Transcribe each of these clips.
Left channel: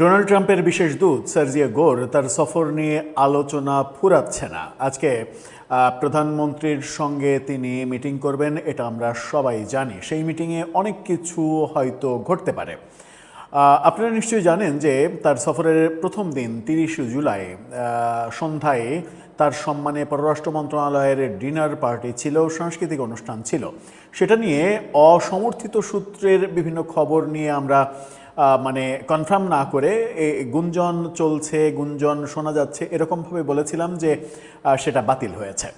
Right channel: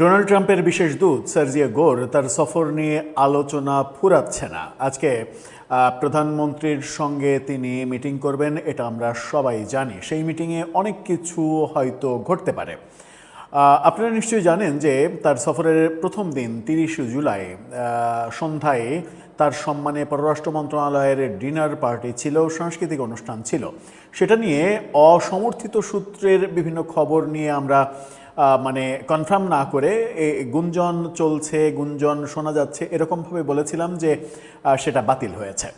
Donald ট্রাম্পের বিশেষ দূত সার্জিও গোর তার সফর নিয়ে আলোচনা ফুরাচ্ছে না। আজকে প্রধানমন্ত্রীর সঙ্গে তিনি মিটিং করবেন, এটা আমরা সবাই জানি। সেই মিটিংয়ে অনেক কিছু হয়তো ঘটতে পারে। আপনারা নিশ্চয়ই জানেন যে তার সফরের প্রথম দিন 30 জুলাই সন্ধ্যায় তার সম্মানে পররাষ্ট্র মন্ত্রণালয়ের ডিনার পার্টি ছিল, সাংস্কৃতিক অনুষ্ঠান ছিল। সেটা নিয়ে অসমর্থিত সূত্রের বিভিন্ন খবর নিয়ে আমরা কনফার্ম না করে গুঞ্জন চলছে, গুঞ্জন শোনা যাচ্ছে, এরকমভাবে বলেছিলাম যে সেটা বাতিল হয়েছে।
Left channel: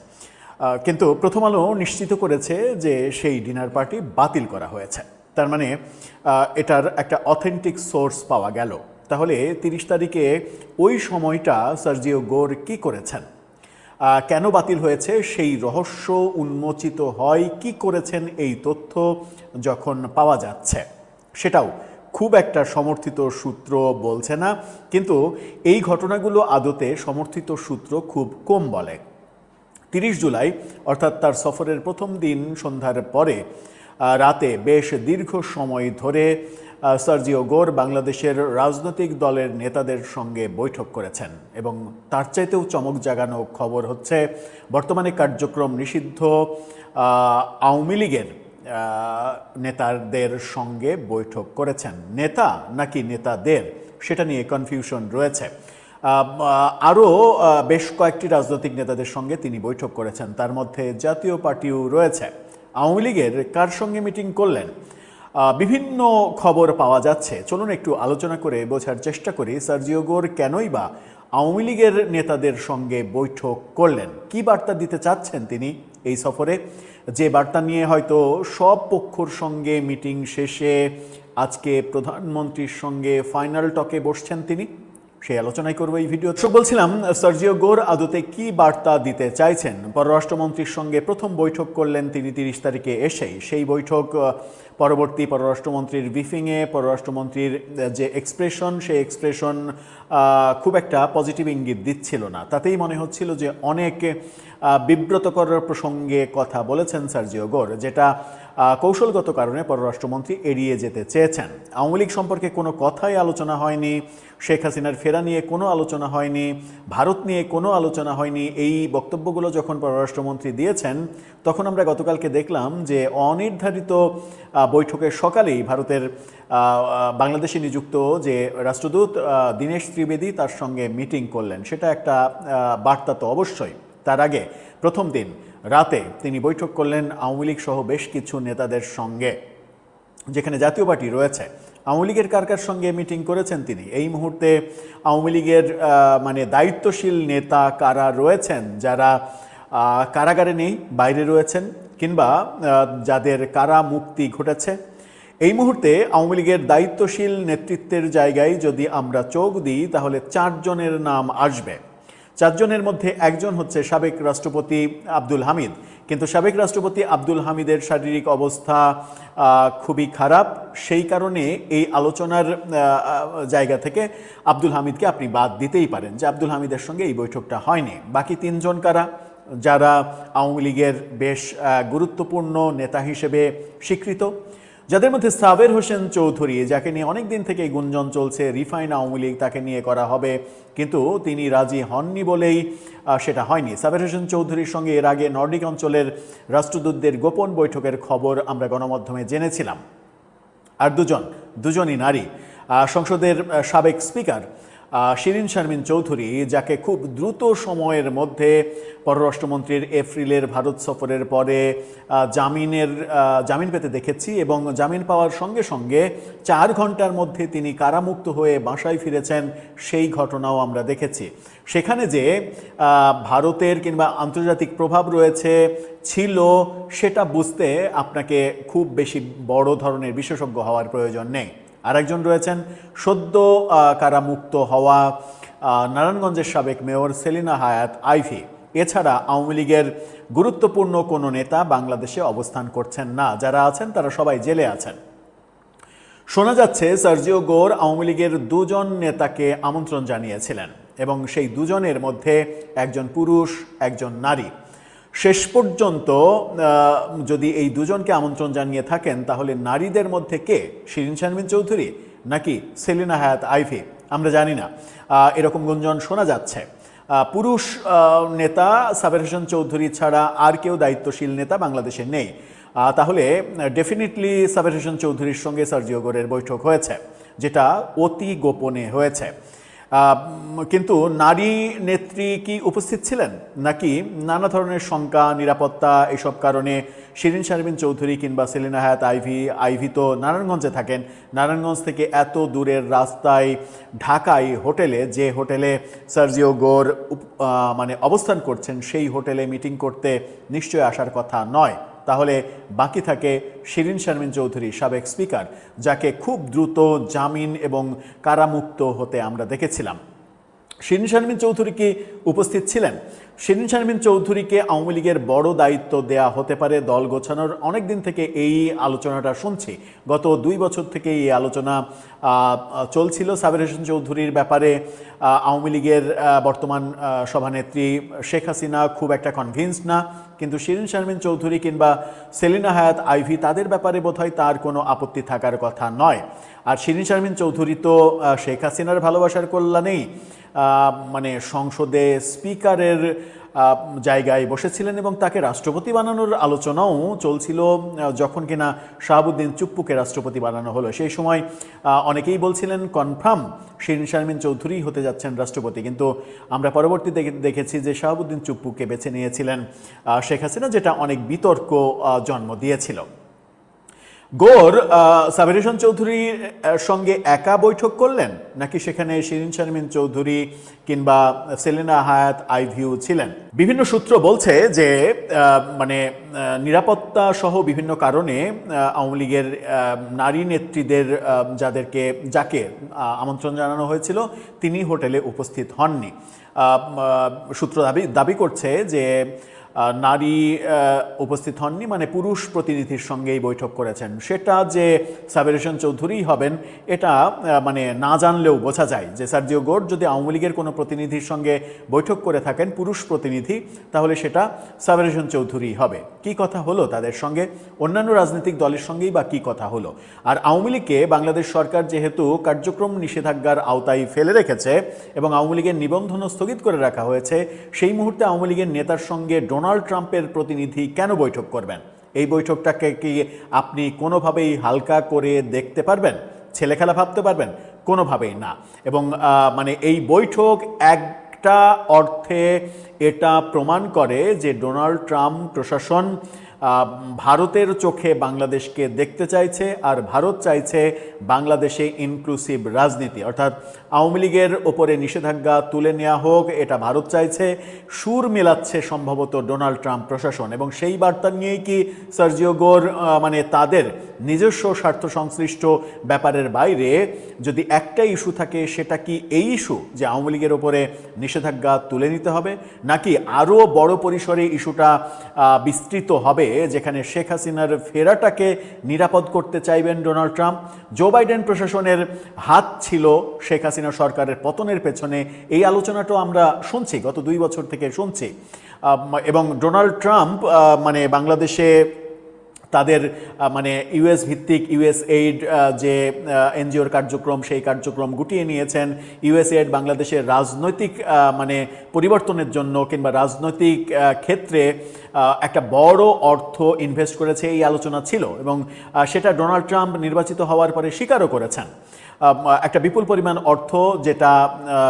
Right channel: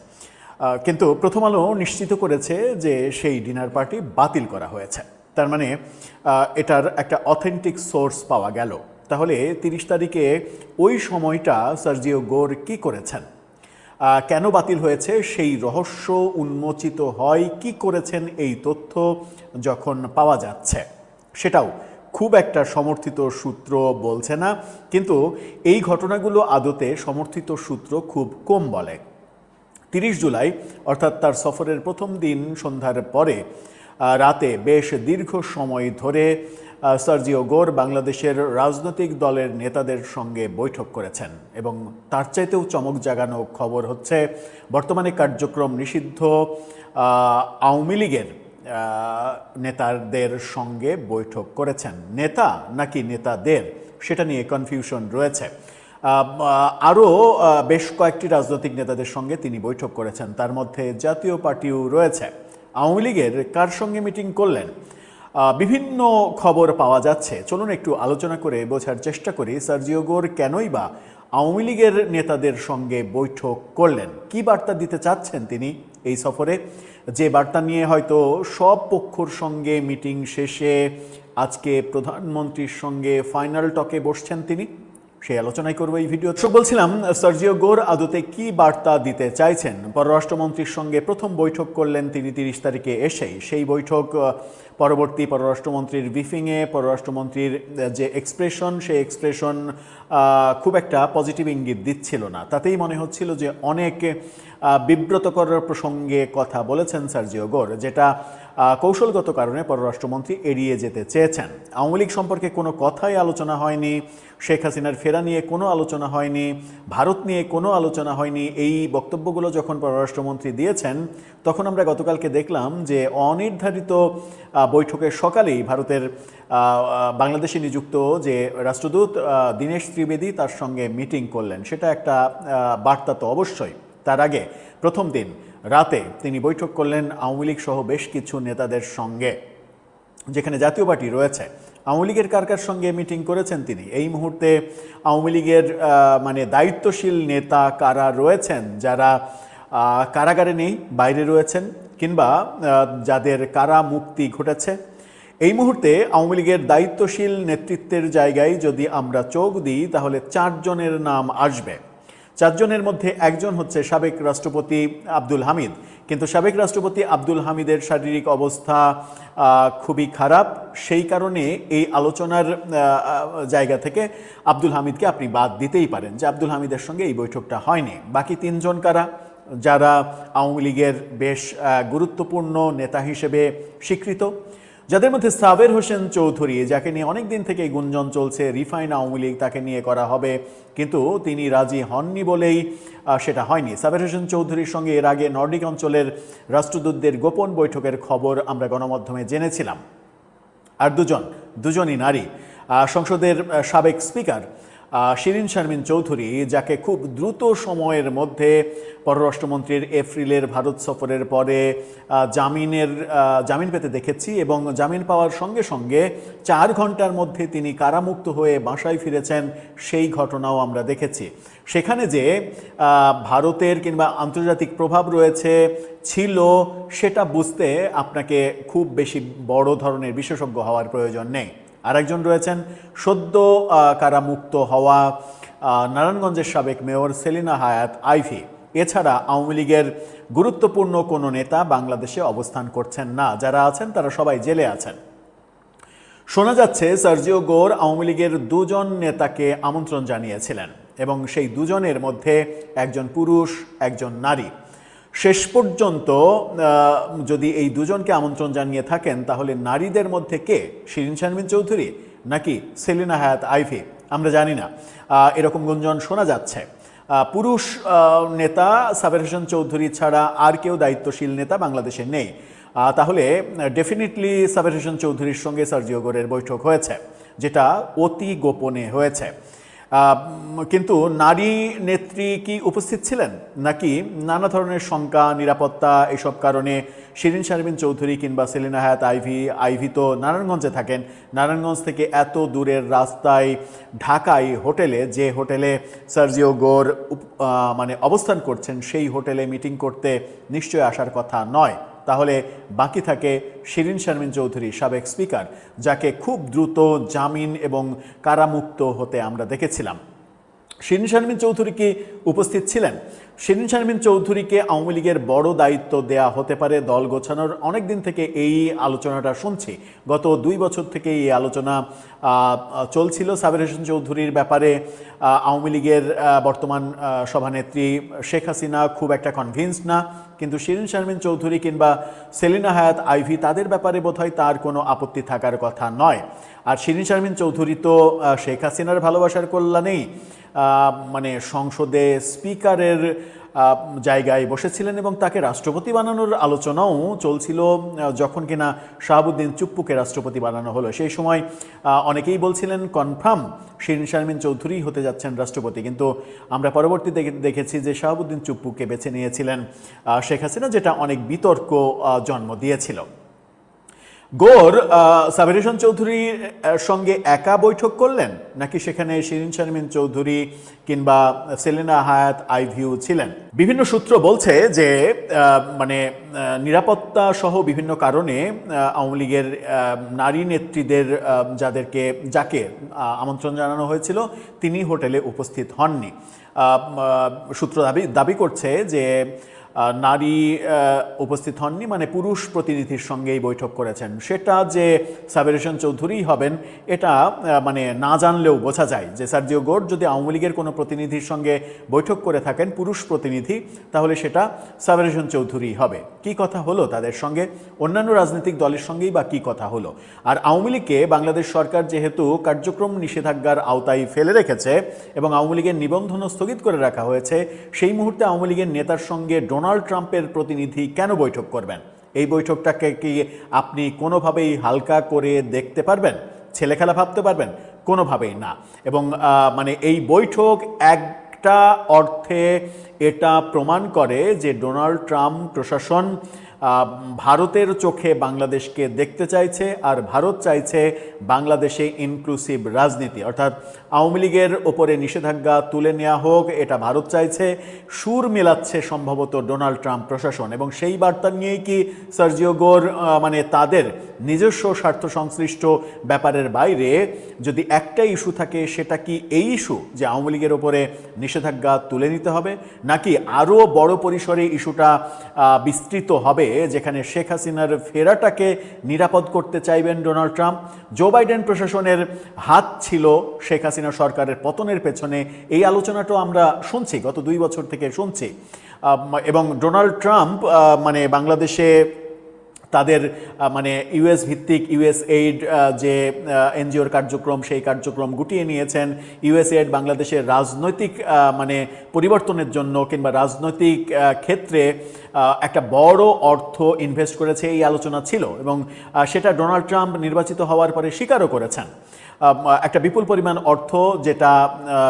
কিন্তু প্রথম আলো নিশ্চিত করেছে যে সেই ডিনার পার্টি বাতিল করা হয়েছে। তার মানে এটার একটা অথেন্টিক সোর্স পাওয়া গেল। তাহলে 30 তারিখে ওই সময়টা সার্জিও গোর কি করেছেন, কেন বাতিল হয়েছে সেই রহস্য উন্মোচিত হয়। কি করেছেন এই তথ্য যখন পাওয়া যাচ্ছে, সেটাও খুব একটা সমর্থিত সূত্র বলছে না। কিন্তু এই ঘটনাগুলো আদতে সমর্থিত সূত্র খুব কম বলে। 30 জুলাই অর্থাৎ তার সফরের প্রথম দিন সন্ধ্যার পরে রাতে বেশ দীর্ঘ সময় ধরে সার্জিও গোর বাংলাদেশের রাজনৈতিক দলের নেতাদের সঙ্গে বৈঠক করেছেন। এবং তার চাইতেও চমক জাগানো খবর হচ্ছে, বর্তমানে কার্যক্রম নিষিদ্ধ আওয়ামী লীগের নেতাদের সঙ্গে বৈঠক করেছেন। নেতা নাকি নেতাদের, সেটা নিয়ে কনফিউশন রয়েছে। আরও বেশ কয়েকটি রাজনৈতিক নেতাদের সঙ্গে তিনি বৈঠক করেছেন, তার মধ্যে জাতীয় পার্টিও রয়েছে। আওয়ামী লীগের কার সঙ্গে মিটিং করলেন, বিভিন্ন খবর পাওয়া যাচ্ছে। চলুন একটু আলোচনা করে বোঝার চেষ্টা করি সার্জিও গোর কেনই বা আওয়ামী লীগের নেতাদের সঙ্গে বৈঠক করলেন, কি বার্তা দিতে চাচ্ছেন তিনি এই সফরে, যে বার্তা নিয়ে হয়তো সব পক্ষর সঙ্গে মিটিং শেষে আজকে প্রধানমন্ত্রীর সঙ্গে ফাইনাল টকে বসছেন তিনি। সেই আলোচনাই করবো এই ভিডিও। বলছিলাম, সার্জিও গোর আদতে কি বার্তা দিতে চাইছেন। পররাষ্ট্রমন্ত্রীর সঙ্গে প্রথম বৈঠক করলেন তিনি 30 তারিখে এসেই। সেই বৈঠক পরবর্তী পররাষ্ট্রমন্ত্রীর ব্রিফিংয়ে পররাষ্ট্রমন্ত্রীর যে এক্সপ্রেশন, সেই এক্সপ্রেশন খুব একটা পজিটিভ ইঙ্গিত দিচ্ছিল না। তাতেই মনে হচ্ছিল যে অনেক বিব্রতকর প্রসঙ্গে কথা বলেছেন সার্জিও গোর, যেটা কৌশলগত কারণে পররাষ্ট্রমন্ত্রী এড়িয়ে যেতে চেয়েছেন। আওয়ামী লীগ সম্পর্কে কোনো কথাই আলোচনা হয়নি, শেখ হাসিনার ফেরা নিয়ে কোনো আলোচনা হয়নি, ভারত নিয়ে কোনো আলোচনা হয়নি। এই বক্তব্যগুলো যখন পররাষ্ট্রমন্ত্রী দিয়েছেন, তখন আমরা গতকালকে দেখলাম যে অনির্ধারিত বৈঠকের সকালেই ভারতের বাংলাদেশে নিযুক্ত যে রাষ্ট্রদূত দীনেশ ত্রিবেদী তার সঙ্গে মিটিং করলেন। সেটা একটা বার্তা তো অবশ্যই। তার আগে প্রথম দিন রাতে তিনি বৈঠক করলেন আওয়ামী লীগ সহ বেশ কিছু নেতাদের সঙ্গে, যেখানে জাতীয় পার্টি রয়েছে। আওয়ামী লীগের কার কার সঙ্গে মিটিং করেছেন তিনি, এই মুহূর্তে আওয়ামী লীগের দায়িত্বশীল নেতা কারা রয়েছেন, যারা কারাগারে নেই, বাইরে রয়েছেন, কিংবা যাদের কারা মুক্তি ঘটেছে। এই মুহূর্তে আওয়ামী লীগের দায়িত্বশীল নেতৃত্বের জায়গায় যদি আমরা চোখ দিই, তাহলে 4 জনের নাম আসবে। 4 জনের মধ্যে একজন হচ্ছে সাবেক রাষ্ট্রপতি আব্দুল হামিদ। কিন্তু সাবেক রাষ্ট্রপতি আব্দুল হামিদের শারীরিক অবস্থা খুবই খারাপ। সেই কারণে এই আলোচনার জায়গা থেকে আব্দুল হামিদকে আপনি বাদ দিতেই পারেন, যে আব্দুল হামিদের সঙ্গে এই বৈঠকটা হয়নি। বাকি 3 জন কারা, যারা আওয়ামী লীগের বেশ গুরুত্বপূর্ণ নেতা হিসেবে স্বীকৃত, যাদের মধ্যে সাবের হোসেন চৌধুরী, যাকে নিয়ে অনেক দিন থেকে গুঞ্জন চলছে রিফাইন আওয়ামী লীগ তাকে নিয়ে করা হবে, কিন্তু তিনি রাজি হননি বলেই সেটা হয়নি। সাবের হোসেন চৌধুরীর সঙ্গে এর আগে নর্ডিক অঞ্চলের রাষ্ট্রদূতদের গোপন বৈঠকের খবর আমরা গণমাধ্যমে জেনেছিলাম। আর দুজনই নারী। সংসদের সাবেক স্পিকার শিরিন শারমিন চৌধুরী, যাকে খুব দ্রুত সময়ের মধ্যে পররাষ্ট্রমন্ত্রীর এপ্রিলের ভারত সফরের পরে জামিন পেতে দেখেছি, এবং জামিন পাওয়ার সঙ্গে সঙ্গে 4 ঘন্টার মধ্যে তিনি কারামুক্ত হয়ে বাসায় ফিরেছেন, সেই ঘটনাও আমরা দেখেছি। সেখানে যে ভারতের কিংবা আন্তর্জাতিক প্রভাব রয়েছে ছিল, সেটা বুঝতে আপনাকে খুব বেশি বড় ধরনের বিশেষজ্ঞ হওয়ার প্রয়োজন নেই। আরেকজন রয়েছেন সদ্য কারামুক্ত হওয়া নারায়ণগঞ্জের সাবেক মেয়র সেলিনা হায়াৎ আইভি। এছাড়া আওয়ামী লীগের গুরুত্বপূর্ণ কোনো নেতা বাংলাদেশে অবস্থান করছেন না, যারা আছেন তারা সবাই জেলে আছেন। শোনা যাচ্ছে সার্জিও গোর আওয়ামী লীগের 2 জন নেতাকে আমন্ত্রণ জানিয়েছিলেন, এবং সেই 2 জনের মধ্যে একজন পুরুষ, একজন নারী। শেষ পর্যন্ত যদি এই 2 জনকে আমন্ত্রণ জানিয়ে থাকেন, তাহলে নারীদের মধ্যে কে, শিরিন শারমিন চৌধুরী নাকি সেলিনা হায়াৎ আইভি, আমরা জানি না, এরকম গুঞ্জন শোনা যাচ্ছে। পুরুষ নেতা সাবের হোসেন চৌধুরী ছাড়া আর কেউ দায়িত্বশীল নেতা বাংলাদেশে নেই। তাহলে ডেফিনেটলি সাবের হোসেন চৌধুরীর সঙ্গে সার্জিও গোরের বৈঠক হয়েছে, যেটা অতি গোপনে হয়েছে। কিন্তু নারী নেত্রী কি উপস্থিত ছিলেন, নাকি নানা ধরনের শঙ্কা, নিরাপত্তা এসব কারণে শিরিন শারমিন চৌধুরী কিংবা সেলিনা হায়াৎ আইভি তো নারায়ণগঞ্জে থাকেন, নারায়ণগঞ্জ থেকে এত দূরের রাস্তায় ঢাকায় হোটেলে, যে হোটেলে সার্জিও গোর মানে অবস্থান করছেন, সেই হোটেলে মিটিং করতে নিশ্চয়ই আসার কথা নয়। তাহলে বাকি থাকে শিরিন শারমিন চৌধুরী, সাবেক স্পিকার, যাকে খুব দ্রুত জামিন এবং কারামুক্ত হতে আমরা দেখেছিলাম। শিরিন শারমিন চৌধুরী কি উপস্থিত ছিলেন? শিরিন শারমিন চৌধুরীকে আওয়ামী লীগের বড় দায়িত্ব দেয়া হতে পারে দল গোছানোর। অনেক দিন থেকে এই আলোচনাটা শুনছি, গত 2 বছর থেকে এই আলোচনা চলছিল সাবের হোসেন চৌধুরীর ব্যাপারে। আওয়ামী লীগের বর্তমান সভানেত্রী শেখ হাসিনা খুব একটা কনভিন্সড না, কিন্তু শিরিন শারমিন চৌধুরী কিংবা সেলিনা হায়াৎ আইভি, তাদের ব্যাপারে বোধহয় তার কোনো আপত্তি থাকার কথা নয়। আর শিরিন শারমিন চৌধুরী তো শেখ হাসিনার ভালোবাসার কল্যাণেই মানে সংসদে স্পিকারের জায়গায় বসেছিলেন এবং তাকে রাষ্ট্রপতি বানানোর আলোচনাও চলছিল। যখন কিনা শাহাবুদ্দিন চুপ্পুকে রাষ্ট্রপতি বানানো হলো, সেই সময় অনেকেই বলছিলেন কনফার্ম শিরিন শারমিন চৌধুরী হতে যাচ্ছেন রাষ্ট্রপতি। কিন্তু আমরা পরবর্তীতে দেখেছি যে শাহাবুদ্দিন চুপ্পুকে বেছে নিয়েছিলেন শেখ হাসিনা, যেটা অনেক বিতর্ক জন্ম দিয়েছিল। গোর সাবের হোসেন চৌধুরীর সঙ্গে একা বৈঠক করলেন, নাকি সেখানে শিরিন শারমিন চৌধুরী কিংবা সেলিনা হায়াৎ আইভিও ছিলেন? বিভিন্ন সূত্র বলছে যে মানে নিরাপত্তা সহ বিভিন্ন কারণে আওয়ামী লীগের নারী নেত্রীদের যাকে আমন্ত্রণ জানানো হয়েছিল তিনি হোটেলে উপস্থিত হননি। সূত্র দাবি করছে যে নারী উপস্থিত হননি, মানে পুরুষ প্রতিনিধির সঙ্গেই বৈঠক করেছেন। সেটা যে সাবের হোসেন চৌধুরী হবেন এটা মানে না জানলেও বোঝা যায় যে সার্জিও গোর যদি আওয়ামী লীগের কোনো প্রতিনিধির সঙ্গে বৈঠক করে থাকেন, পুরুষ প্রতিনিধি, তাহলে সেটা সাবের হোসেন চৌধুরী হবে। কি কথা হলো তাদের সঙ্গে, অন্যান্য রাজনৈতিক দলের সঙ্গেই বা কি কথা হলো? আর আওয়ামী লীগকে বাংলাদেশ সরকার যেহেতু কার্যক্রম নিষেধাজ্ঞার আওতায় ফেলে রেখেছে এবং আওয়ামী লীগের নিবন্ধনও স্থগিত করে রাখা হয়েছে, সেই মুহূর্তে আওয়ামী লীগের নেতার সঙ্গে ডোনাল্ড ট্রাম্পের প্রতিনিধি কেন বৈঠক করবেন? এই বৈঠকটাকে কি আপনি কোনোভাবেই হালকা করে দেখতে পারবেন, ছেলেখেলা ভাবতে পারবেন? কোনোভাবেই না। এবং মানে এই বৈঠক একটা অর্থে এটা প্রমাণ করে যে ডোনাল্ড ট্রাম্প প্রশাসন ভারতের চোখে বাংলাদেশকে দেখতে চাইছে, আর ভারত চাইছে বাংলাদেশে ইনক্লুসিভ রাজনীতি, অর্থাৎ আওয়ামী লীগের ওপরে নিষেধাজ্ঞা তুলে নেওয়া হোক, এটা ভারত চাইছে। সুর মিলাচ্ছে সম্ভবত ডোনাল্ড ট্রাম্প প্রশাসন, এবং সেই বার্তা নিয়েই কি সার্জিও গোর মানে তাদের নিজস্ব স্বার্থ সংশ্লিষ্ট ব্যাপারের বাইরে যদি একটা ইস্যু থাকে, সেটা কি এই ইস্যু যে আওয়ামী লীগের ওপরে নিষেধাজ্ঞা তুলে নিতে হবে, নাকি আরও বড় পরিসরে ইস্যুটা বিস্তৃত হবে, যেখানে শেখ হাসিনার ফেরাটাকে নিরাপদ করতে চাইবেন ডোনাল্ড ট্রাম্প? জো বাইডেন প্রশাসনের হাত ছিল শেখ হাসিনা সরকারের পতনের পেছনে, এই আলোচনাটাও আমরা শুনছি, গত 2 বছর থেকে শুনছি। এবং ডোনাল্ড ট্রাম্প মানে বাংলাদেশে তাদের মানে ইউএস ভিত্তিক ইউএসএইড যে এনজিওর কার্যক্রম, সেই কার্যক্রম গুটিয়ে নিয়েছেন। ইউএসএইড বাংলাদেশের রাজনৈতিক মানে পরিবর্তনের জন্য কিংবা রাজনৈতিক ক্ষেত্রে একটা বড় অর্থ ইনভেস্ট করেছে, এই আলোচনা ছিল, এবং সেটা ডোনাল্ড ট্রাম্প নির্বাচিত হওয়ার পরে স্বীকারও করেছেন। একটা বিপুল পরিমাণ অর্থ যেটা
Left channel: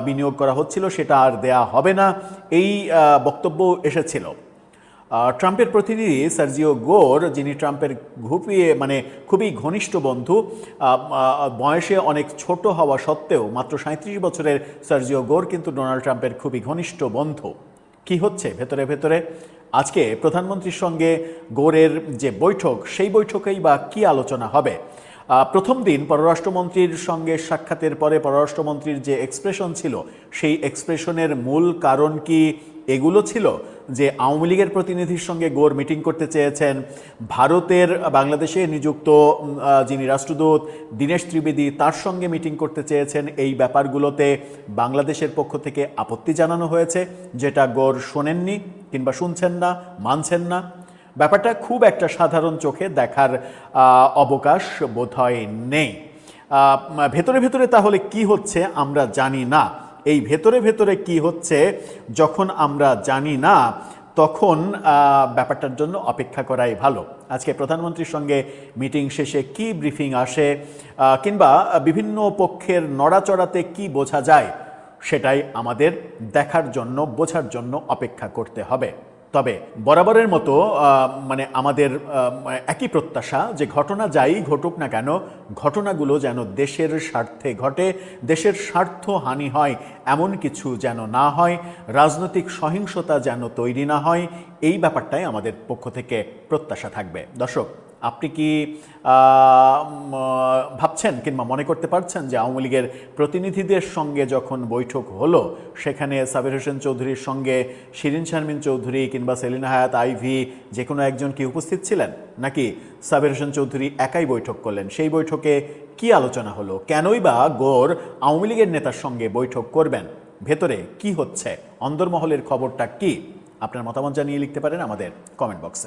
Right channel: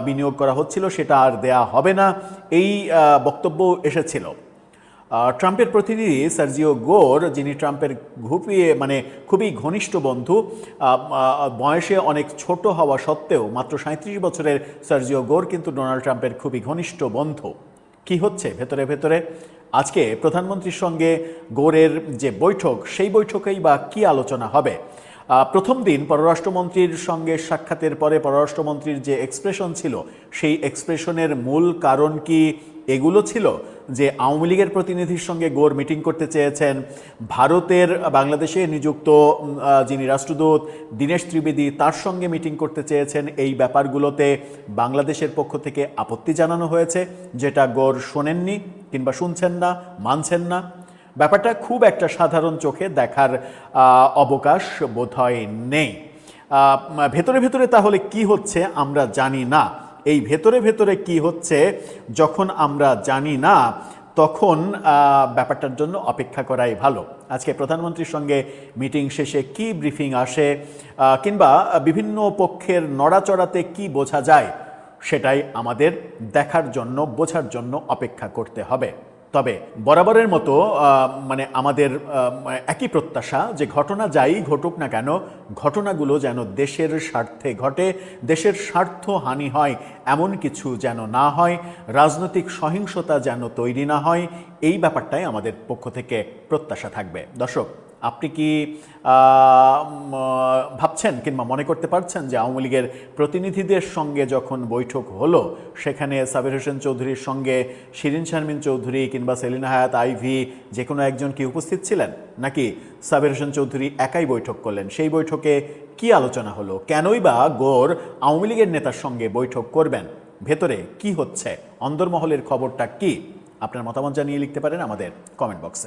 বিনিয়োগ করা হচ্ছিল সেটা আর দেয়া হবে না, এই বক্তব্য এসেছিল। ট্রাম্পের প্রতিনিধি সার্জিও গোর, যিনি ট্রাম্পের খুবই ঘনিষ্ঠ বন্ধু, বয়সে অনেক ছোট হওয়া সত্ত্বেও মাত্র 37 বছরের সার্জিও গোর কিন্তু ডোনাল্ড ট্রাম্পের খুবই ঘনিষ্ঠ বন্ধু। কি হচ্ছে ভেতরে ভেতরে? আজকে প্রধানমন্ত্রীর সঙ্গে গোরের যে বৈঠক, সেই বৈঠকেই বা কি আলোচনা হবে? প্রথম দিন পররাষ্ট্রমন্ত্রীর সঙ্গে সাক্ষাতের পরে পররাষ্ট্রমন্ত্রীর যে এক্সপ্রেশন ছিল, সেই এক্সপ্রেশনের মূল কারণ কি এগুলো ছিল যে আওয়ামী লীগের প্রতিনিধির সঙ্গে গোর মিটিং করতে চেয়েছেন, ভারতের বাংলাদেশে নিযুক্ত যিনি রাষ্ট্রদূত দীনেশ ত্রিবেদী তার সঙ্গে মিটিং করতে চেয়েছেন, এই ব্যাপারগুলোতে বাংলাদেশের পক্ষ থেকে আপত্তি জানানো হয়েছে, যেটা গোর শোনেননি কিংবা শুনছেন না, মানছেন না। ব্যাপারটা খুব একটা সাধারণ চোখে দেখার অবকাশ বোধহয় নেই। ভেতরে ভেতরে তাহলে কি হচ্ছে আমরা জানি না। এই ভেতরে ভেতরে কি হচ্ছে যখন আমরা জানি না, তখন ব্যাপারটার জন্য অপেক্ষা করাই ভালো। আজকে প্রধানমন্ত্রীর সঙ্গে মিটিং শেষে কি ব্রিফিং আসে, কিংবা বিভিন্ন পক্ষের নড়াচড়াতে কি বোঝা যায়, সেটাই আমাদের দেখার জন্য, বোঝার জন্য অপেক্ষা করতে হবে। তবে বরাবরের মতো মানে আমাদের একই প্রত্যাশা যে ঘটনা যাই ঘটুক না কেন, ঘটনাগুলো যেন দেশের স্বার্থে ঘটে, দেশের স্বার্থ হানি হয় এমন কিছু যেন না হয়, রাজনৈতিক সহিংসতা যেন তৈরি না হয়, এই ব্যাপারটাই আমাদের পক্ষ থেকে প্রত্যাশা থাকবে। দর্শক, আপনি কি ভাবছেন কিংবা মনে করতে পারছেন যে আওয়ামী লীগের প্রতিনিধিদের সঙ্গে যখন বৈঠক হলো, সেখানে সাবির হোসেন চৌধুরীর সঙ্গে শিরিন শারমিন চৌধুরী কিংবা সেলিনা হায়াত আইভি যে কোনো একজন কি উপস্থিত ছিলেন, নাকি সাবির হোসেন চৌধুরী একাই বৈঠক করলেন? সেই বৈঠকে কি আলোচনা হলো? কেনই বা গোর আওয়ামী লীগের নেতার সঙ্গে বৈঠক করবেন? ভেতরে কি হচ্ছে? অন্দরমহলের খবরটা কি? আপনার মতামত জানিয়ে লিখতে পারেন আমাদের কমেন্ট বক্সে।